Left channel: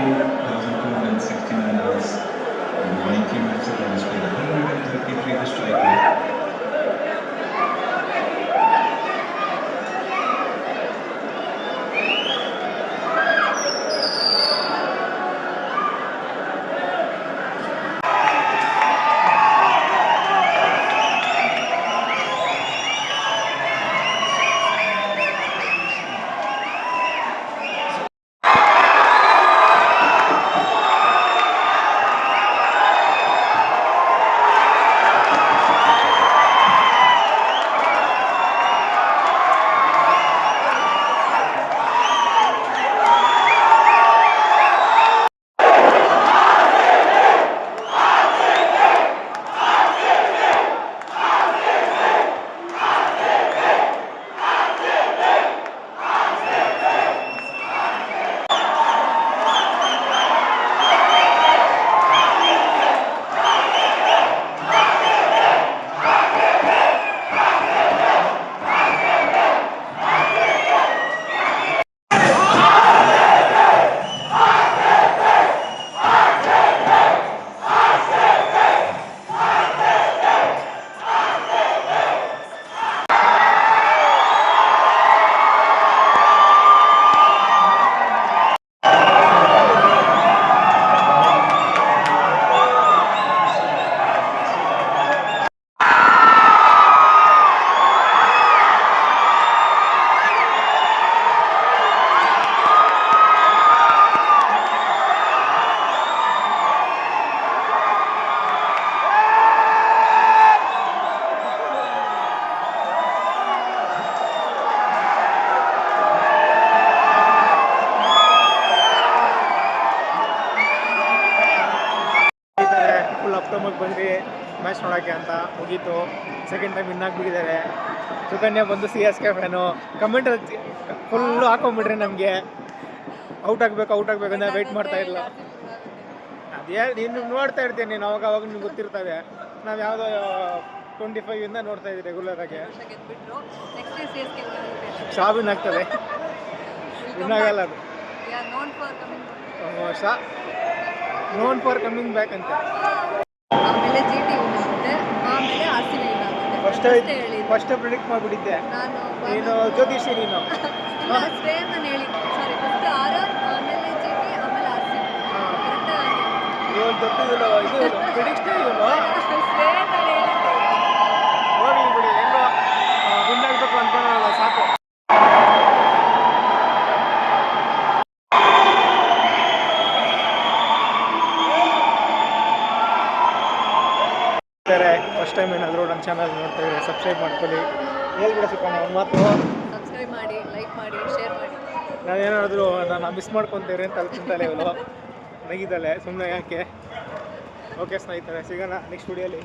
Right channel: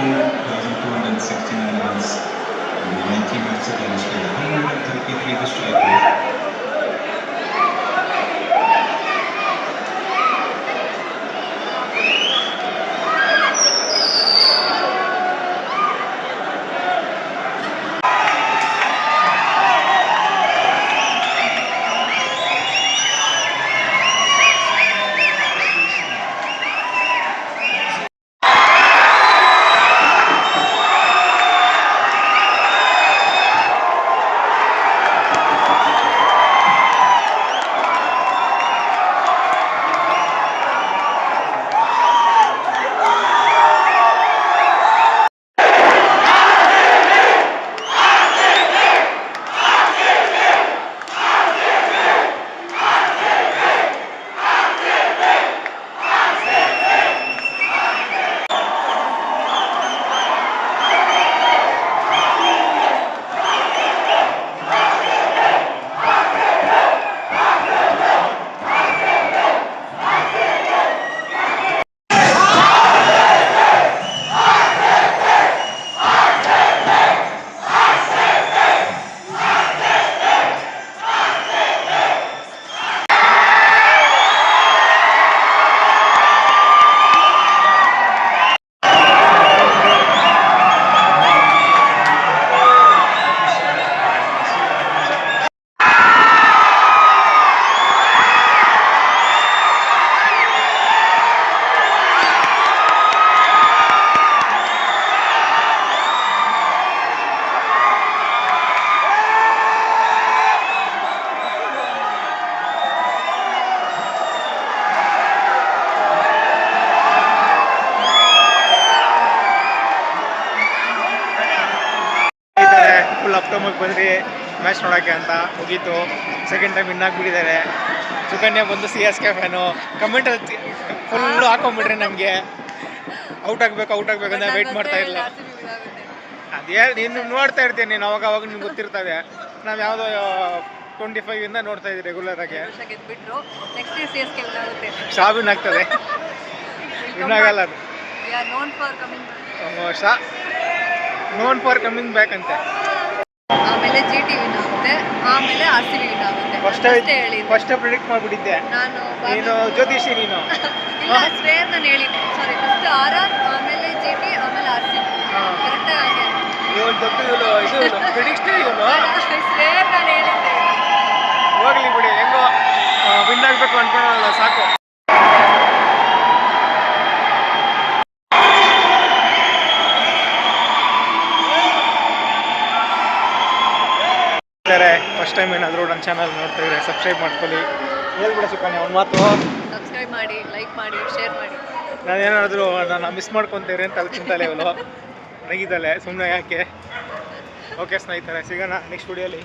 2,269 runs in 90 minutes of damage played, 133 to strike rate. Full ಅಪ್ಟೋಮಗೆ ಬಂದ್ರಿ match ನೋಡೋಕ್ಕೆ ಅಂತ ಮುಗೀತು. ಸೆಕೆಂಡ್ ಟೈಮ್ ವಿನ್ ಆಗಿಬಿಟ್ಟಿದ್ದಾರೆ. ಸುಕನ್ಯಾ ಬಂದು CSK ಫ್ಯಾನು. ಕಮೆಂಟಲ್ಲಿ ಫುಲ್ಲು ಹಾಕೊಂಡ್ಬಿಟ್ರೆ ನಮಗೆ ಔಟ್ ಆಗಬೇಕಂತ ವೆಯ್ಟ್ ಮಾಡ್ತಾ ಇಲ್ಲ. ಅದೇ ನೀನು ನೋಡ್ತಾ ಇರ್ತೀನಿ, ನೀನು ಅವಾಗ ನಿಮ್ಗೆ ಗೊತ್ತಿರ್ತದೆ. ನಾವು ಯಾವುದೋ 25 ನೋಡ್ತಾ ಇದ್ದೀವಿ ರೆಗ್ಯುಲರ್ ಆಗಿ. ವಿನ್ ಆಗ್ತದೆ, ವಿನ್ ಆಗಲ್ಲ ಅದು. ನೋನ್ ಫಾರ್ ಕಮಿಂಗ್ ಬ್ಯಾಕ್ ಅಂತೆ. ಆಮೇಲೆ GT ವಿನ್ ಆಗುತ್ತೆ, ಆಮೇಲೆ RCB ವಿನ್ ಆಗುತ್ತೆ. ಫಸ್ಟ್ ಪ್ರಿಡಿಕ್ಟ್ ಮಾಡಿಬಿಟ್ಟಿದ್ದೆ ನೀನು, ಜ್ಯೋತಿಷಿ ನೀನು. ಶ್ರೇಯರ್ ನಾನು ಹೇಳಿದ್ದೆ, ಸಾರಿ, ಫಸ್ಟ್ RR, ಆಮೇಲೆ GT, ಆಮೇಲೆ RCB. ಕರೆಕ್ಟಾಗಿ ಇವಳು ದೊಡ್ಡ ಇದು ಪ್ರಿಡಿಕ್ಷನ್ ಇವನು. ಶ್ರೇಯರ್ ನಾನು ಹೇಳಿದ್ದೆ. ಹೋಗ್ಲಿ ಬಿಡಿ, ಹೆಂಗೋ ವಿನ್ ಆಗಬೇಕು ಅನ್ಕೊಳ್ಳೋಲ್ಲ ಸಾಕು. ಫಸ್ಟ್ ಟೈಮ್ ಏನಾದರೂ ನನ್ನ ಚಾನಲ್ ನೋಡ್ತಾ ಇದ್ರೆ ಸಬ್ಸ್ಕ್ರೈಬ್ ಮಾಡ್ಕೊಳ್ಳಿ. ಹೇಳ್ಬಿಡ ಸುಕನ್ಯಾ ಒಂದು ಮಾತು. ಸಬ್ಸ್ಕ್ರೈಬ್ ಮಾಡಿ, ಲೈಕ್ ಮಾಡಿ, ಶೇರ್ ಮಾಡಿ. ನಾನೇನಾದರೂ ನಾನು ಮಿಸ್ ಮಾಡ್ಕೊತೀರಿ ಅಂತ ಅಲ್ಲಿ ತಿಂತಾಳೆ ಇವಳು, ನಗಿದ್ದಾಳೆ ಸುಮ್ಮನೆ ಯಾಕೆ. ಓಕೆ ಸ್ನೇಹಿತರೆ, ಸಿಗೋಣ ನೆಕ್ಸ್ಟ್ ವಿಡಿಯೋಲಿ.